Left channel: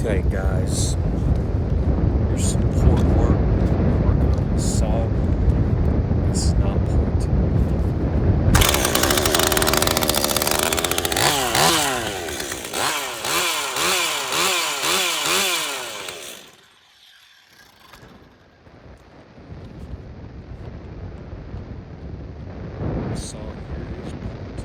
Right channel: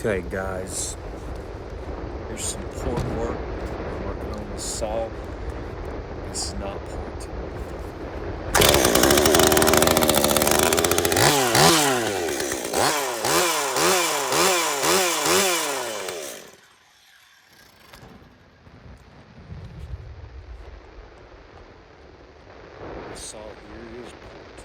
Okay, guys, your support work, working on the saw. This is not port. The saw here is port.